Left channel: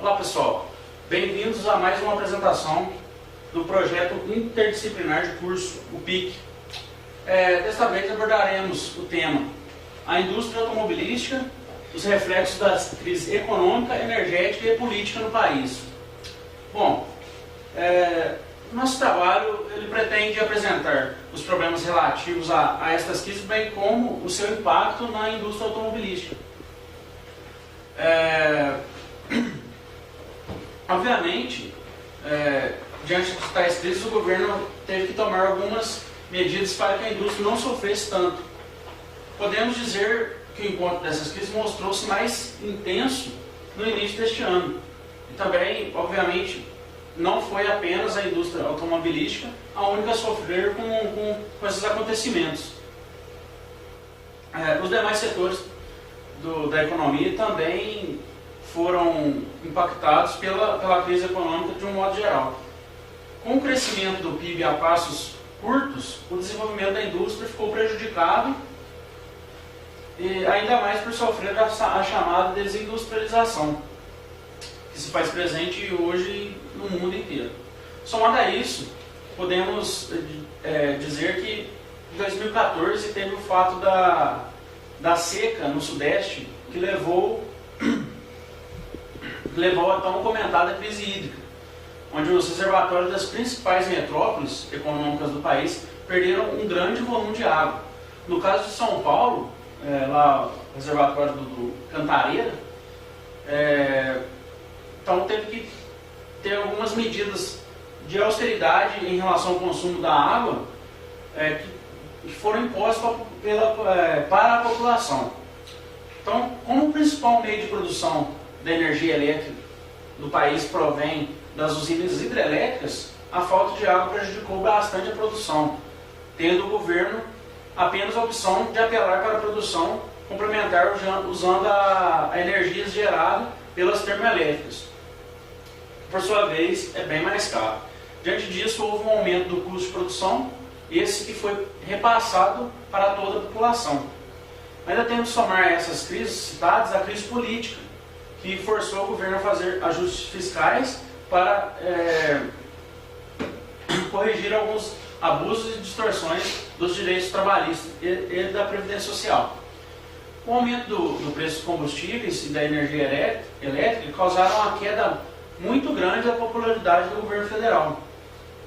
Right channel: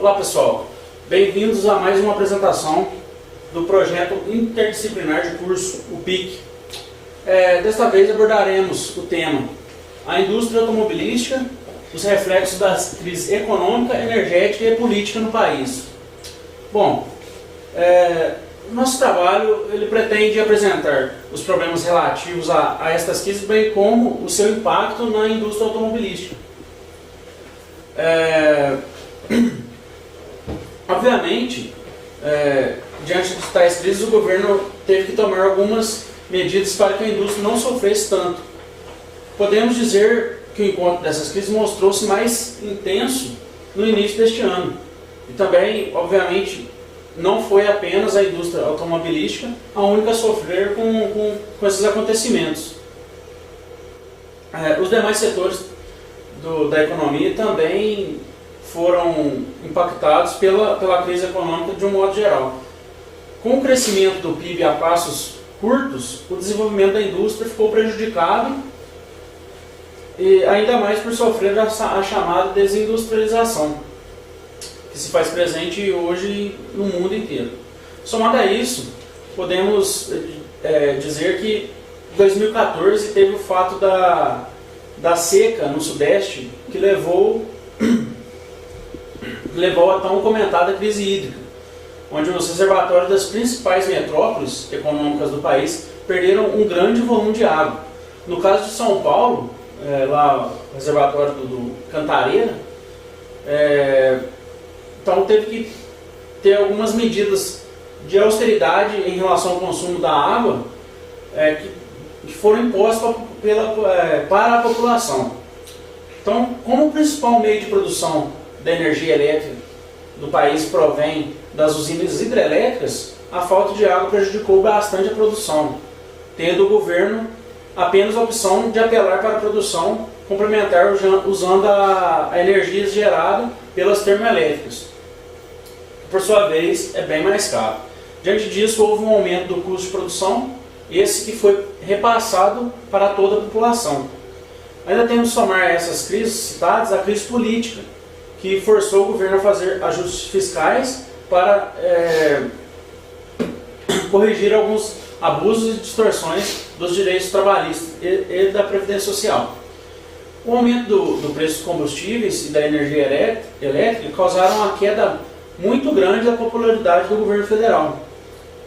Olá pessoal, bem-vindos a mais uma apresentação do projeto interdisciplinar de curso, o PIC. Desta vez abordaremos o tema a indústria automobilística, os reflexos das crises econômica, energética e política no país. Bom, nosso trabalho ele pretende apresentar os problemas relativos a estas crises, bem como o seu impacto na indústria automobilística. Obviamente, diante de tais crises, o governo teve que tomar algumas medidas para que a indústria não sofresse tanto. Podemos dizer que o encontro dessas crises mostrou-se mais intenso no início deste ano. E também, obviamente, não foi apenas a indústria automobilística a única a sofrer com esses acontecimentos. Os demais setores da economia também foram impactados pela crise econômica de um modo geral. Com o crescimento do PIB a passos curtos, o desenvolvimento da indústria ficou prejudicado, e ainda mais por sofrer a chamada desindustrialização, que se faz presente hoje no mundo inteiro. Somado a isso, podemos dizer que em 2014 teve o fato da seca no Sudeste, que levou a tão comentada crise hídrica, onde os reservatórios das principais metrópoles econômicas do país perderam um grande volume de água. No caso de São Paulo, lá o reservatório do Cantareira, então teve que ter algumas medidas de austeridade em relação ao consumo da água que foram impostas para a população. Então, como o principal meio de produção da energia elétrica do país provém das usinas hidrelétricas, a falta de água prejudicou bastante a produção, tendo o governo apenas a opção de apelar para a produção complementar usando a energia gerada pelas termoelétricas, que por sua vez é bem mais caro. Diante disso, houve um aumento do custo de produção, esse que foi repassado para toda a população. Ainda temos que somar a essas crises citadas a crise política, que forçou o governo a fazer ajustes fiscais para corrigir alguns abusos e distorções dos direitos trabalhistas e da Previdência Social. O aumento do preço dos combustíveis e da energia elétrica causaram uma queda muito grande da popularidade do governo federal.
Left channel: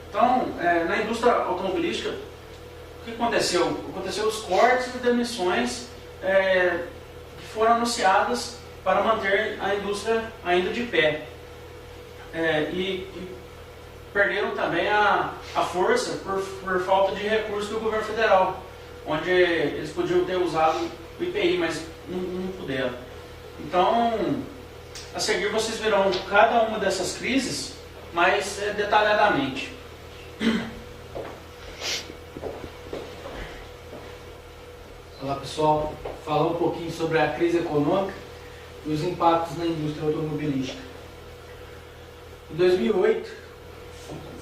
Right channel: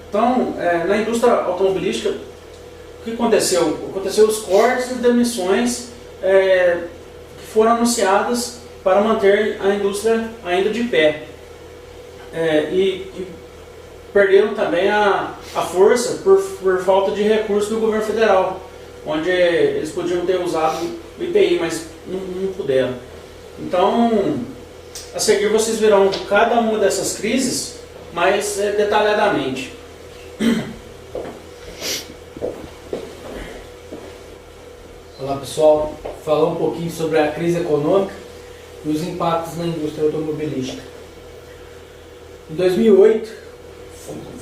Então, na indústria automobilística, o que aconteceu? Aconteceu os cortes e demissões que foram anunciadas para manter a indústria ainda de pé. E perderam também a força por falta de recursos do governo federal, onde eles podiam ter usado o IPI, mas não puderam. Então, a seguir vocês verão cada uma dessas crises mais detalhadamente. Olá pessoal, falar um pouquinho sobre a crise econômica e os impactos na indústria automobilística. Em 2008,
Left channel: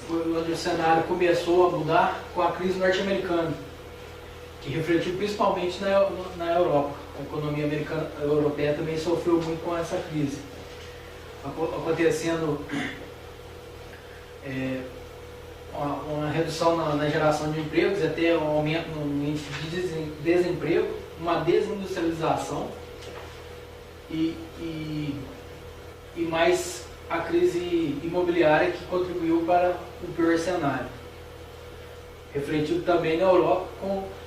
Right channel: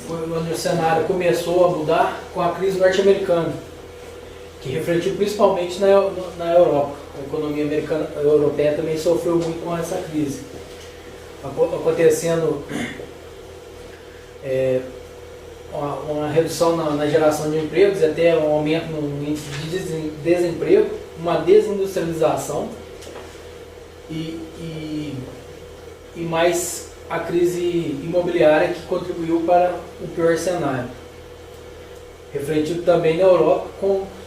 foi onde o cenário começou a mudar com a crise norte-americana, que refletiu principalmente na Europa. A economia europeia também sofreu muito com essa crise, acontecendo uma redução na geração de empregos, até um aumento no índice de desemprego, uma desindustrialização e mais a crise imobiliária que contribuiu para o pior cenário. Refletido também na Europa,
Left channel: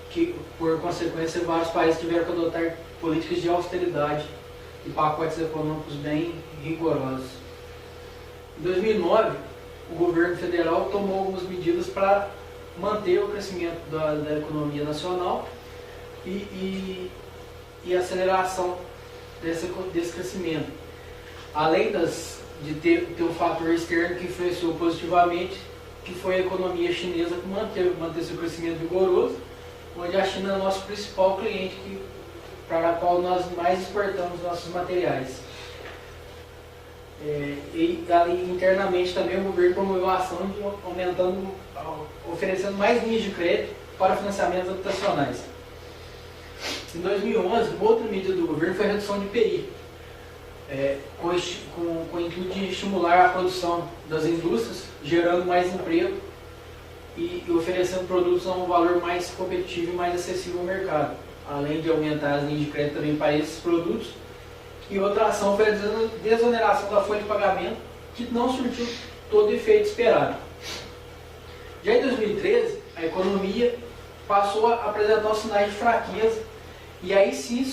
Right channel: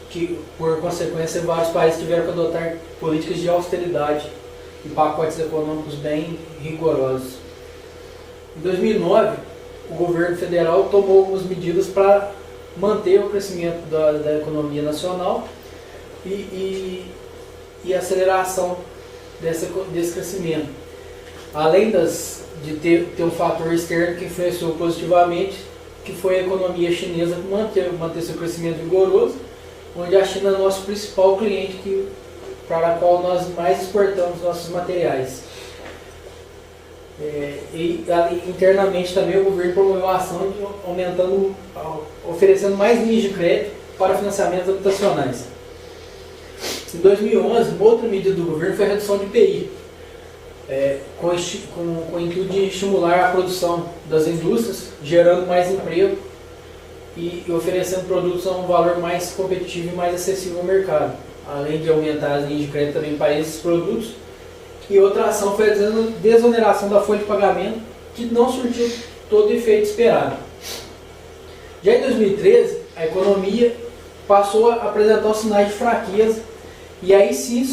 que por consequência vários países tiveram que adotar políticas de austeridade e pacotes econômicos bem rigorosos. Em 2009, o governo federal tomou algumas medidas para manter o crescimento da economia nacional e a aceleração desse crescimento. Além de ter um fator externo que influenciou positivamente, que foi a economia chinesa que manteve seu crescimento vigoroso, onde a China é o nosso principal cliente para a qual nós mais exportamos nossos materiais. E internamente também o governo promoveu a ação oferecendo mais linhas de crédito para financiamentos habitacionais. Em 2011, uma outra medida do governo foi a redução de IPI, com o intuito de estimular a produção das indústrias, gerando mais emprego e oferecendo produtos a um valor mais competitivo e mais acessível ao mercado, além de aumentar as linhas de crédito também para esses produtos. E outra ação foi a desoneração da folha de pagamento, que não surtiu todo o efeito esperado. Já em 2013, a economia passou a apresentar os sinais de fraqueza e aí sim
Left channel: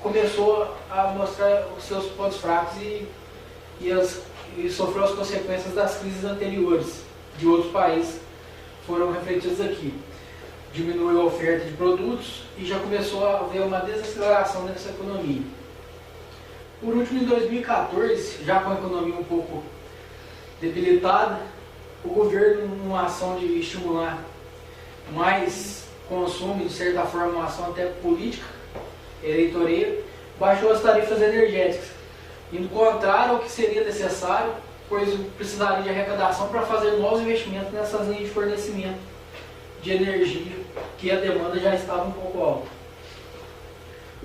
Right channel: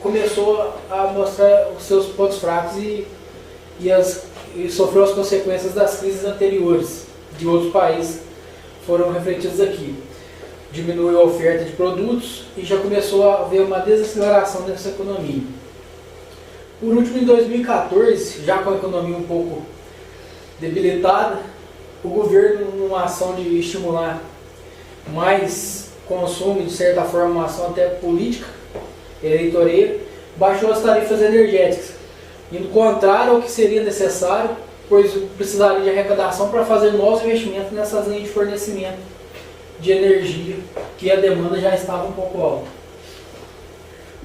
começou a mostrar os seus pontos fracos e sofreu as consequências das crises anteriores de outros países foram refletidas aqui. Diminuiu a oferta de produtos e já começou a haver uma desaceleração dessa economia. Por último, em 2014, já com a economia um pouco debilitada, o governo, numa ação de estimular mais consumo, de certa forma uma ação até política, eleitoreira, baixou as tarifas energéticas, indo contrário ao que seria necessário, pois precisaria de arrecadação para fazer novos investimentos nessas linhas de fornecimento de energia, que a demanda já estava um pouco alta.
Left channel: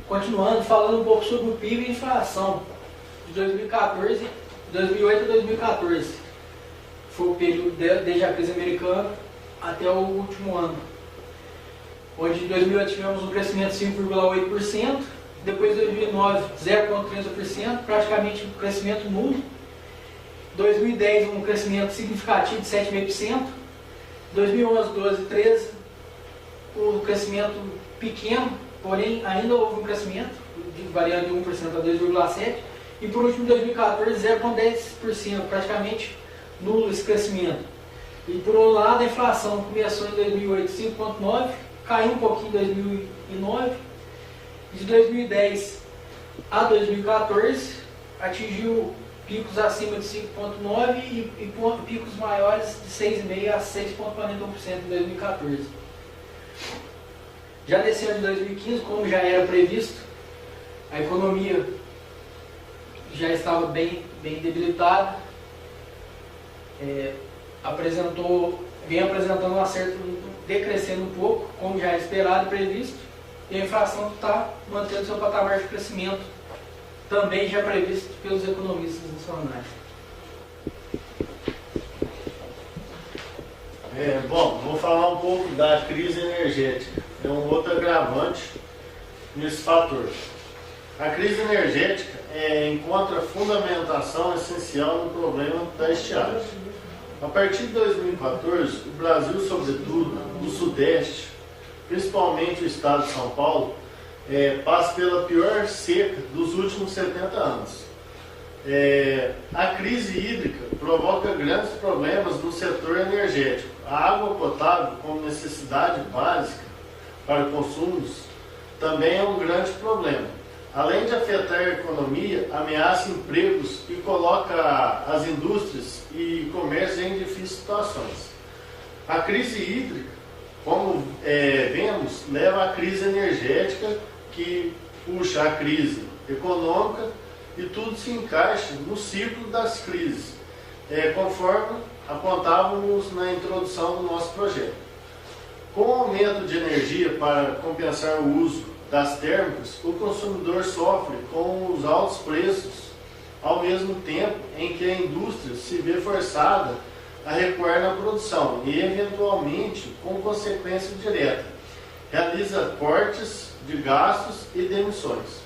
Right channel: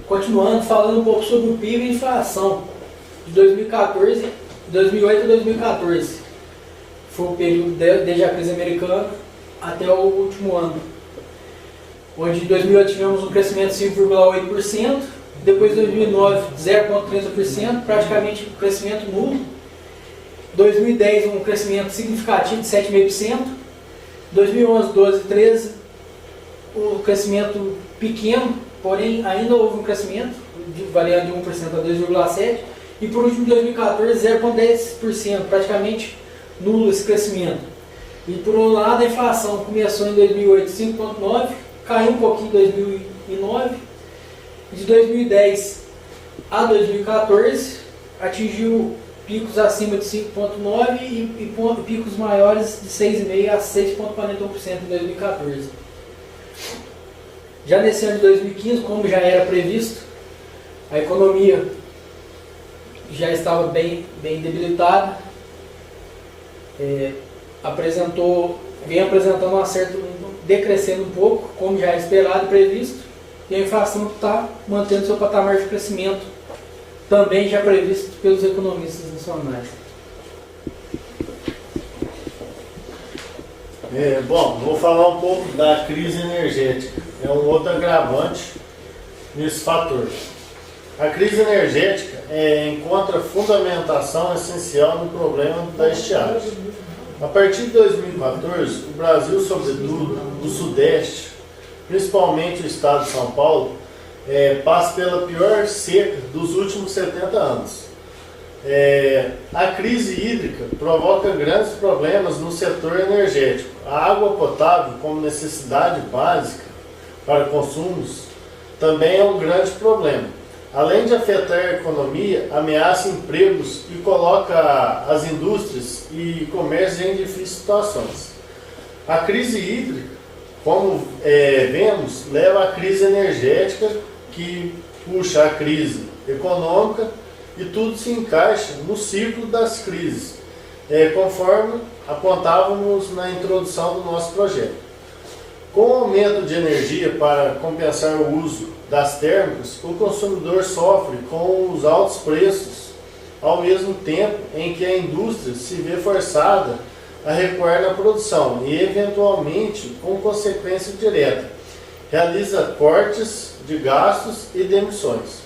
Continuando, falando um pouco sobre o PIB e a inflação de 2008 a 2014. Foi o período desde a crise americana até o último ano, onde em 2008 tivemos um crescimento de 5,8%, depois de 2009 0,30%, praticamente um crescimento nulo. 2010 um crescimento significativo de 7,5%, 2011, 12, 13 um crescimento pequeno, porém ainda houve um crescimento, variando de 1% a 2,7%, e por último, em 2014, 0,10%, praticamente nulo esse crescimento. E por um lado, a inflação começou em 2008, 5,9%, caiu um pouquinho em 2009, de 2010 a 2014, atingiu picos acima de 5,9% e picos maiores de 6,5% a 6,41% em 2014. Já nesse ano de 2015, como já era previsto, a economia já estava bem debilitada, vem apresentando um certo decrescendo um pouco, como já era esperado e previsto, e a inflação está mantendo seu patamar de crescimento, também já previsto pelos economistas nacionais. Bom, vou falar um pouco da crise energética. É um outro agravante nesse fator. A crise energética encontra fundamentação essencial no problema da estiagem. A partir de 2014, o Brasil, sobretudo o Sudeste, principalmente o estado de São Paulo, passa pela pior seca dos últimos 70 anos. A crise hídrica provoca grandes problemas no setor energético. A água potável, como necessidade básica para consumos, também é um grande problema. Além de afetar a economia, ameaça empregos e coloca as indústrias e comércio em difíceis situações. A crise hídrica, como vemos, leva à crise energética, que puxa a crise econômica, e tudo se encaixa no ciclo das crises, conforme apontávamos na introdução do nosso projeto. Com o aumento de energia para compensar o uso das térmicas, o consumidor sofre com os altos preços, ao mesmo tempo em que a indústria se vê forçada a recuar na produção e, eventualmente, com consequência direta, realiza cortes de gastos e demissões.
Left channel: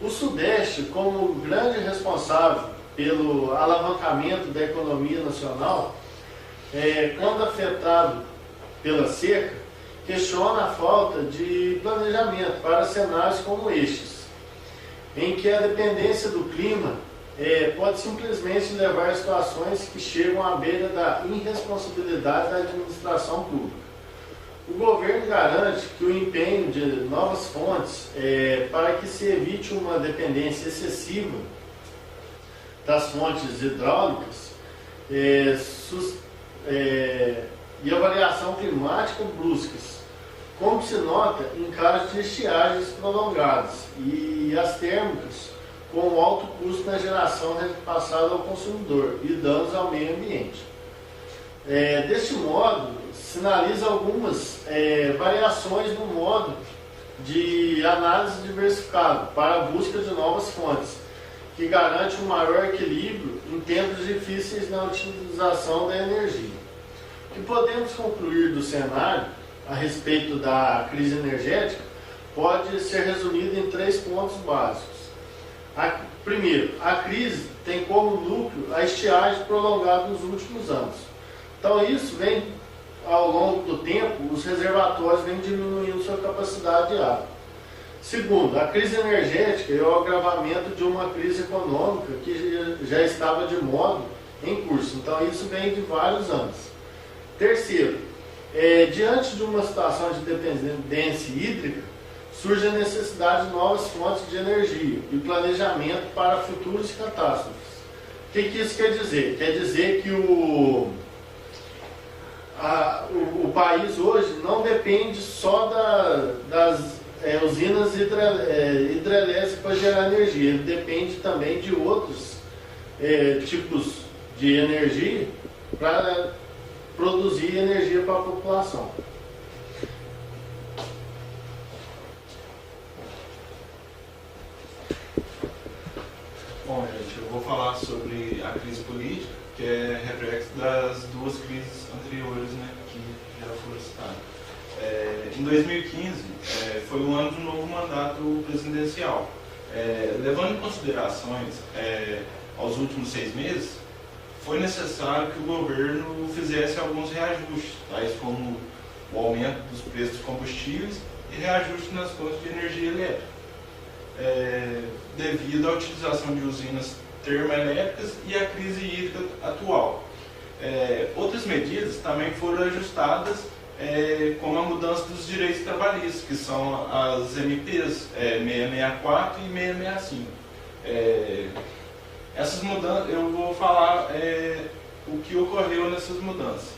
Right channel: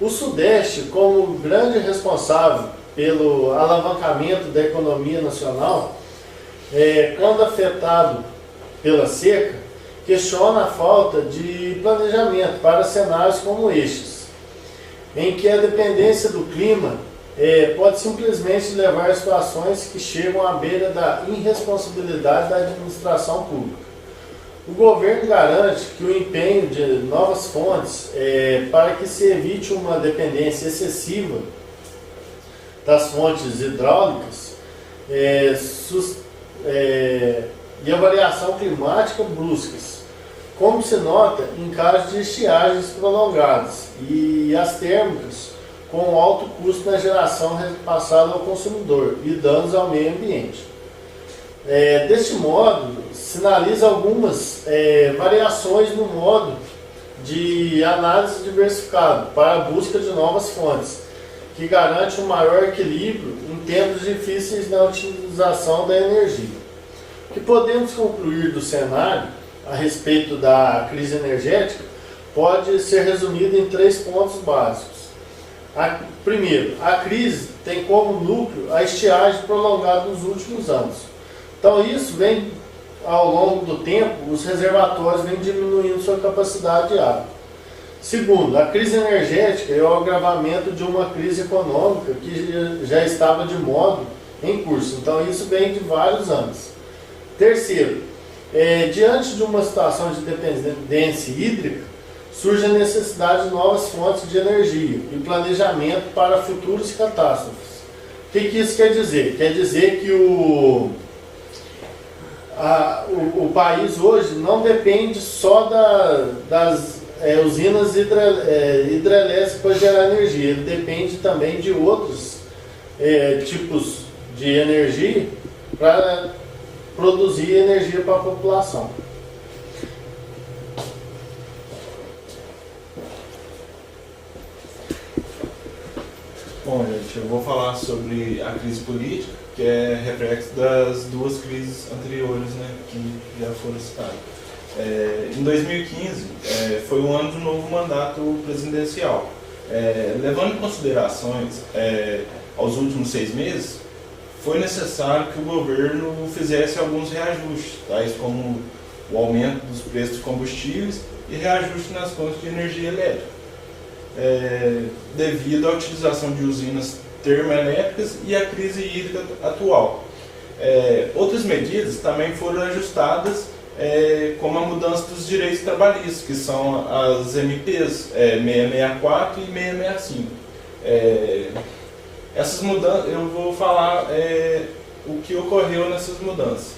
O Sudeste, como grande responsável pelo alavancamento da economia nacional, quando afetado pela seca, questiona a falta de planejamento para cenários como estes, em que a dependência do clima pode simplesmente levar a situações que chegam à beira da irresponsabilidade da administração pública. O governo garante que o empenho de novas fontes para que se evite uma dependência excessiva das fontes hidráulicas e a variação climática bruscas, como se nota em casos de estiagens prolongadas e as térmicas com alto custo na geração repassada ao consumidor e danos ao meio ambiente. Deste modo, sinaliza algumas variações no modo de análise diversificado para a busca de novas fontes, que garante um maior equilíbrio em tempos difíceis na utilização da energia. O que podemos concluir do cenário a respeito da crise energética pode ser resumido em 3 pontos básicos. Primeiro, a crise tem como núcleo a estiagem prolongada nos últimos anos. Então isso vem, ao longo do tempo, os reservatórios vêm diminuindo sua capacidade de água. Segundo, a crise energética é o agravamento de uma crise econômica que já estava de modo em curso. Então isso vem de vários anos. Terceiro, diante de uma situação de dependência hídrica, surge a necessidade de novas fontes de energia e planejamento para futuras catástrofes. O que isso quer dizer? Quer dizer que o país hoje não depende só das usinas hidrelétricas para gerar energia, ele depende também de outros tipos de energia para produzir energia para a população. Bom, gente, eu vou falar sobre a crise política, que é reflexo das 2 crises anteriores, né, que já foram citadas. Em 2015, foi um ano de um novo mandato presidencial. Levando em considerações aos últimos 6 meses, foi necessário que o governo fizesse alguns reajustes, tais como o aumento dos preços de combustíveis e reajuste nas contas de energia elétrica. Devido à utilização de usinas termoelétricas e à crise hídrica atual. Outras medidas também foram ajustadas, como a mudança dos direitos trabalhistas, que são as MPs 664 e 665. Essas mudanças, eu vou falar o que ocorreu nessas mudanças.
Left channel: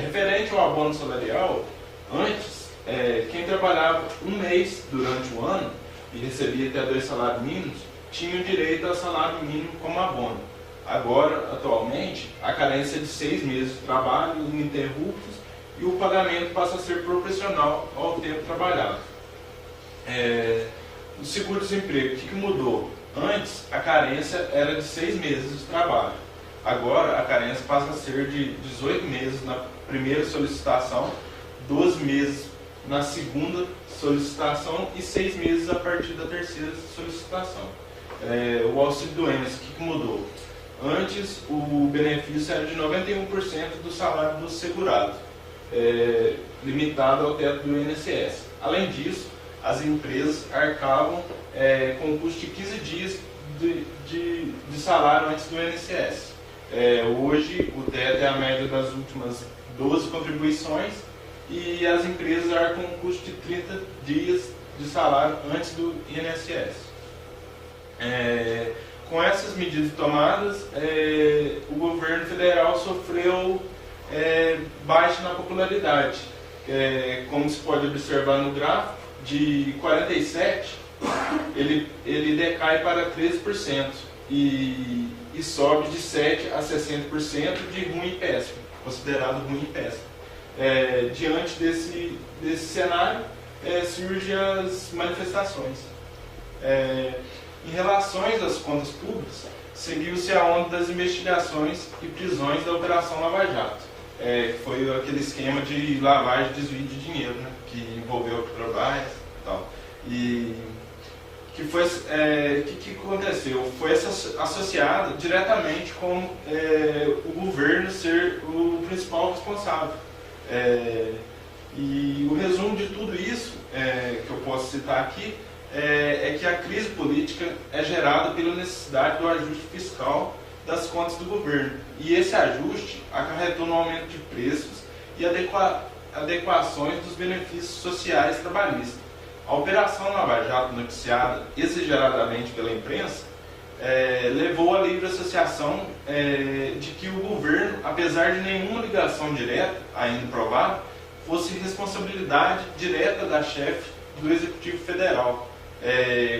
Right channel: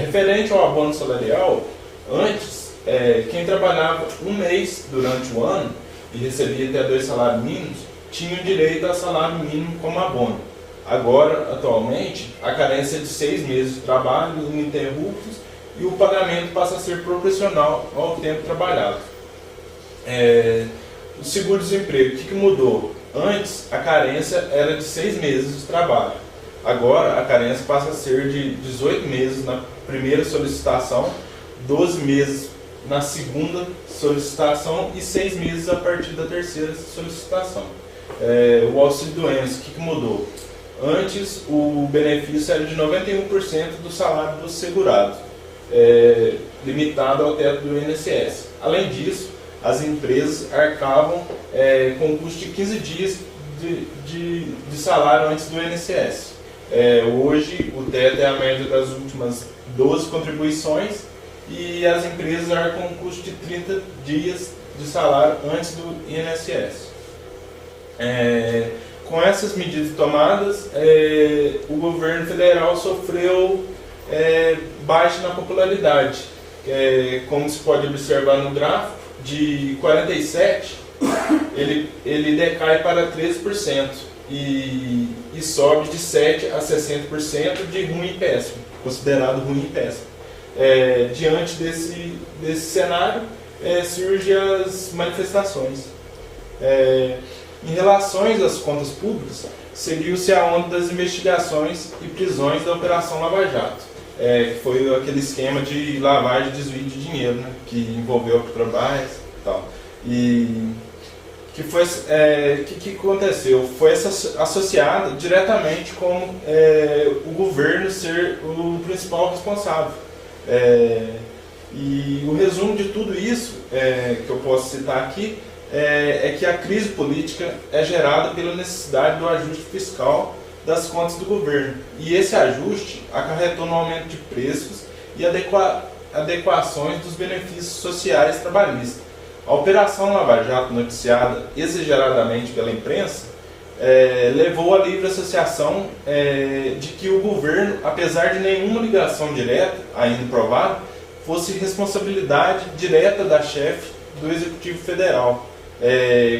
Referente ao abono salarial, antes, quem trabalhava um mês durante o ano e recebia até 2 salários mínimos, tinham direito a salário mínimo como abono. Agora, atualmente, a carência é de 6 meses de trabalho ininterruptos e o pagamento passa a ser proporcional ao tempo trabalhado. O seguro-desemprego, o que mudou? Antes, a carência era de 6 meses de trabalho. Agora, a carência passa a ser de 18 meses na primeira solicitação, 12 meses na segunda solicitação e 6 meses a partir da terceira solicitação. O auxílio-doença, o que mudou? Antes, o benefício era de 91% do salário do segurado, limitado ao teto do INSS. Além disso, as empresas arcavam com o custo de 15 dias de salário antes do INSS. Hoje, o teto é a média das últimas 12 contribuições e as empresas arcam com um custo de 30 dias de salário antes do INSS. Com essas medidas tomadas, o governo federal sofreu baixa na popularidade. Como se pode observar no gráfico, de 47%, ele decai para 13% e sobe de 7% a 60% de ruim e péssimo, considerado ruim e péssimo. Diante desse cenário, surgem as manifestações. Em relação às contas públicas, seguiu-se a onda das investigações e prisões da Operação Lava Jato. Foi aquele esquema de lavagem e desvio de dinheiro, né, que envolveu a Petrobras e tal. E que aconteceu? Foi associado diretamente com o governo ser o principal responsável. E o resumo de tudo isso, que eu posso citar aqui, é que a crise política é gerada pela necessidade do ajuste fiscal das contas do governo. E esse ajuste acarretou no aumento de preços e adequações dos benefícios sociais trabalhistas. A Operação Lava Jato, noticiada exageradamente pela imprensa, levou à livre associação de que o governo, apesar de nenhuma ligação direta, ainda provada, fosse responsabilidade direta da chefe do Executivo Federal,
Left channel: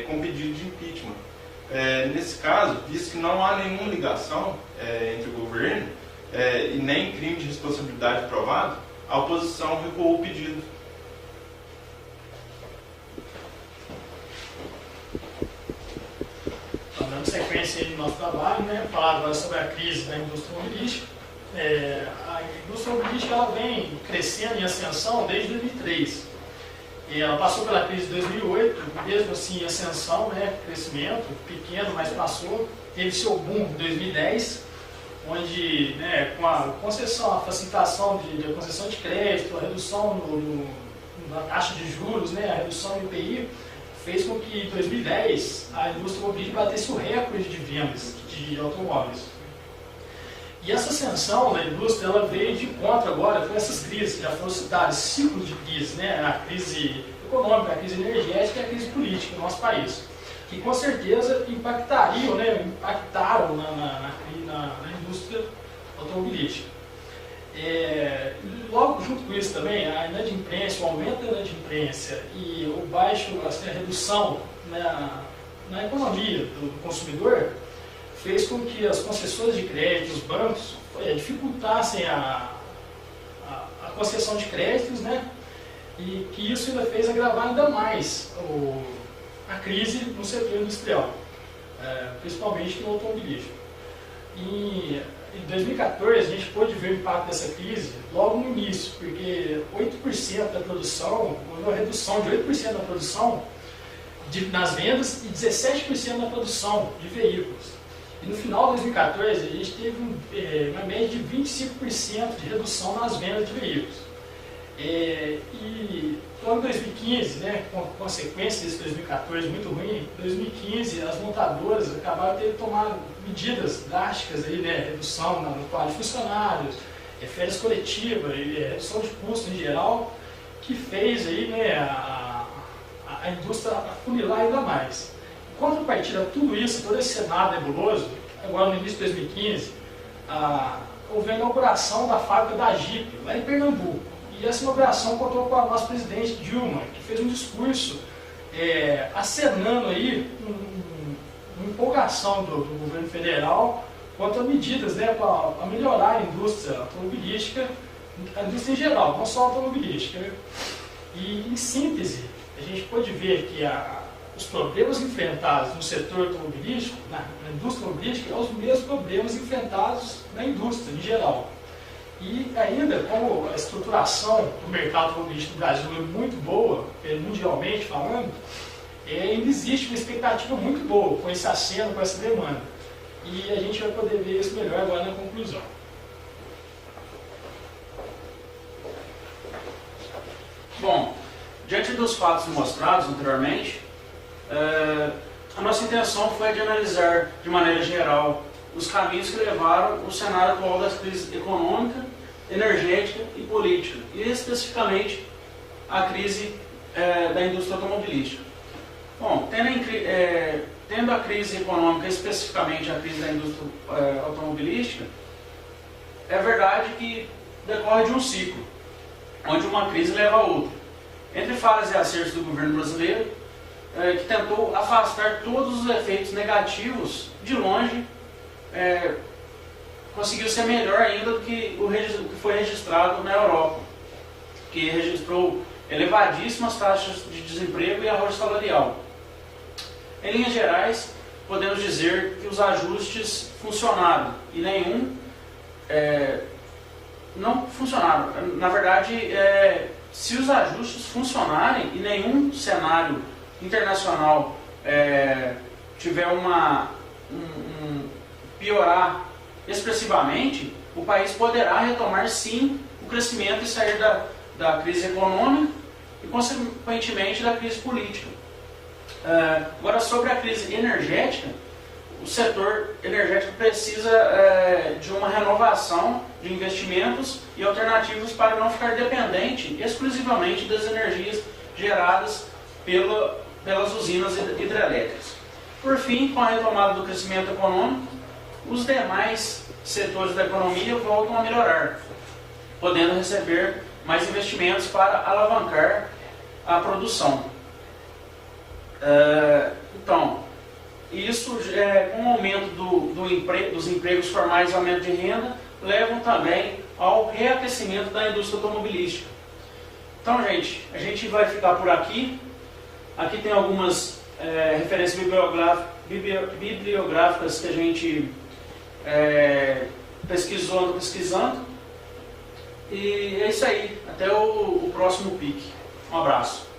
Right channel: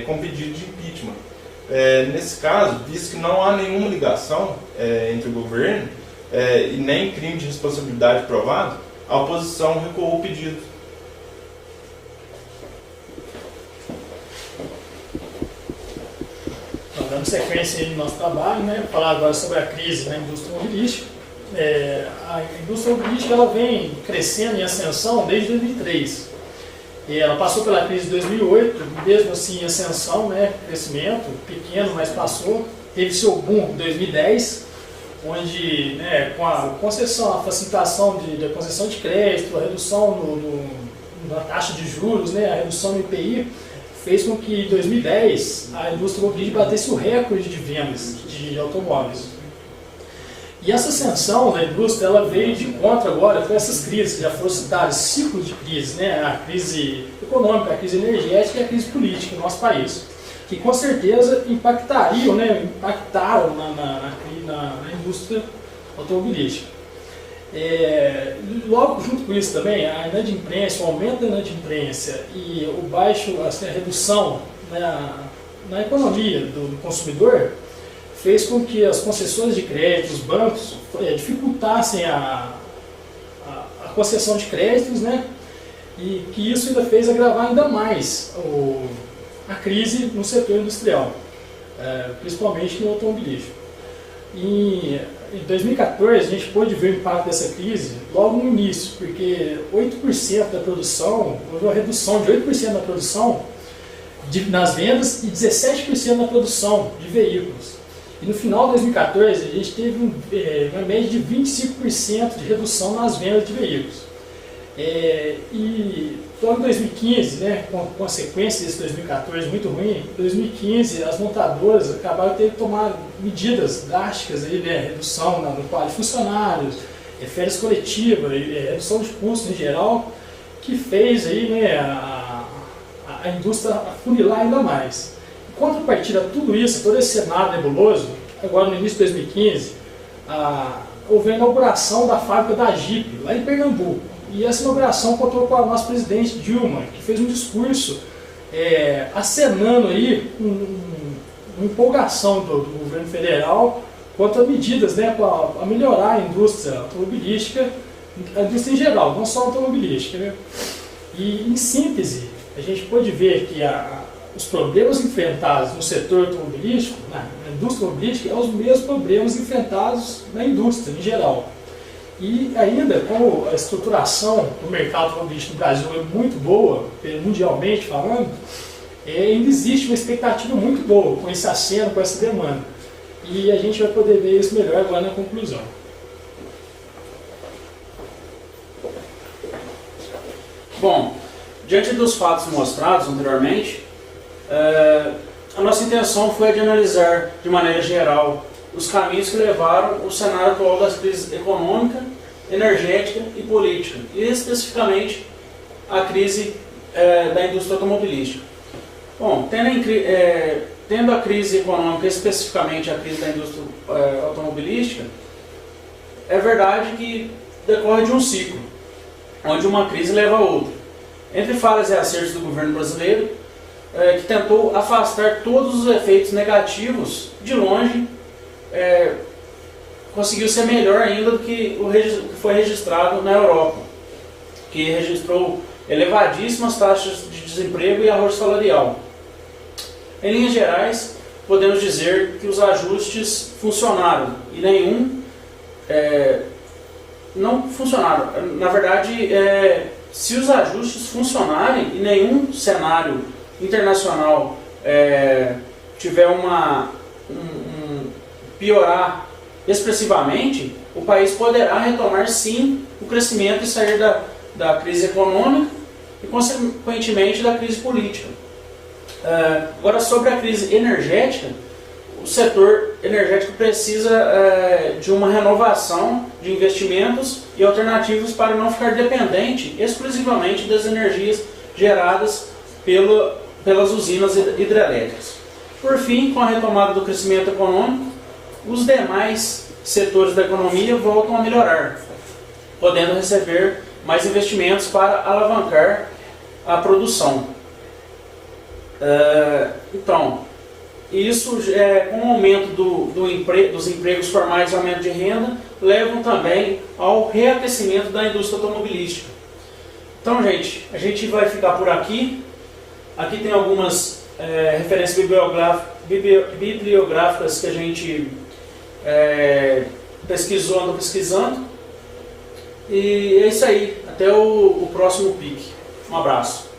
com pedido de impeachment. Nesse caso, visto que não há nenhuma ligação entre o governo e nem crime de responsabilidade provado, a oposição recuou o pedido. Então, dando sequência aí no nosso trabalho, né, falar agora sobre a crise na indústria automobilística. A indústria automobilística ela vem crescendo em ascensão desde 2003. E ela passou pela crise de 2008, mesmo assim em ascensão, né, crescimento pequeno, mas passou. Teve seu boom em 2010, onde, né, com a concessão, a facilitação da concessão de crédito, a redução na taxa de juros, né, a redução do IPI, fez com que em 2010 a indústria automobilística batesse o recorde de vendas de automóveis. E essa ascensão na indústria ela veio de encontro agora com essas crises que já foram citadas, ciclos de crise, né, a crise econômica, a crise energética e a crise política no nosso país, que com certeza impactaram na indústria automobilística. Logo junto com isso também, a inadimplência, o aumento da inadimplência e a redução na economia do consumidor fez com que as concessões de crédito, os bancos, dificultassem a concessão de créditos, né? E que isso ainda fez agravar ainda mais a crise no setor industrial, principalmente no automobilístico. Em 2014, a gente pôde ver o impacto dessa crise logo no início, porque 8% da produção, houve uma redução de 8% na produção nas vendas e 17% na produção de veículos. E no final de 2014, a gente teve uma média de 25% de redução nas vendas de veículos. E então, em 2015, né, com a consequência desse 2014 muito ruim, em 2015 as montadoras acabaram de ter que tomar medidas drásticas, aí, né, redução no quadro de funcionários, férias coletivas, redução de custos em geral, que fez aí, né, a indústria afunilar ainda mais. Em contrapartida a tudo isso, todo esse cenário nebuloso, agora no início de 2015, houve a inauguração da fábrica da Jeep, lá em Pernambuco. E essa inauguração contou com a nossa presidente Dilma, que fez um discurso acenando aí uma empolgação do governo federal quanto a medidas, né, para melhorar a indústria automobilística, a indústria em geral, não só a automobilística, né? E, em síntese, a gente pode ver que os problemas enfrentados no setor automobilístico, na indústria automobilística, são os mesmos problemas enfrentados na indústria em geral. E ainda, como a estruturação do mercado automobilístico no Brasil é muito boa, mundialmente falando, ainda existe uma expectativa muito boa com esse aceno, com essa demanda. E a gente vai poder ver isso melhor agora na conclusão. Bom, diante dos fatos mostrados anteriormente, a nossa intenção foi de analisar de maneira geral os caminhos que levaram o cenário atual das crises econômica, energética e política, e especificamente a crise da indústria automobilística. Bom, tendo a crise econômica, especificamente a crise da indústria automobilística, é verdade que decorre de um ciclo, onde uma crise leva a outra. Entre falhas e acertos do governo brasileiro, que tentou afastar todos os efeitos negativos de longe, conseguiu ser melhor ainda do que o que foi registrado na Europa, que registrou elevadíssimas taxas de desemprego e arrojo salarial. Em linhas gerais, podemos dizer que os ajustes funcionaram e nenhum não funcionaram. Na verdade, se os ajustes funcionarem e nenhum cenário internacional tiver piorar expressivamente, o país poderá retomar sim o crescimento e sair da crise econômica e consequentemente da crise política. Agora, sobre a crise energética, o setor energético precisa de uma renovação de investimentos e alternativas para não ficar dependente exclusivamente das energias geradas pelas usinas hidrelétricas. Por fim, com a retomada do crescimento econômico, os demais setores da economia voltam a melhorar, podendo receber mais investimentos para alavancar a produção. Então, isso, com o aumento dos empregos formais e aumento de renda, levam também ao reaquecimento da indústria automobilística. Então, gente, a gente vai ficar por aqui. Aqui tem algumas referências bibliográficas que a gente pesquisou, andou pesquisando. E é isso aí. Até o próximo pique. Um abraço.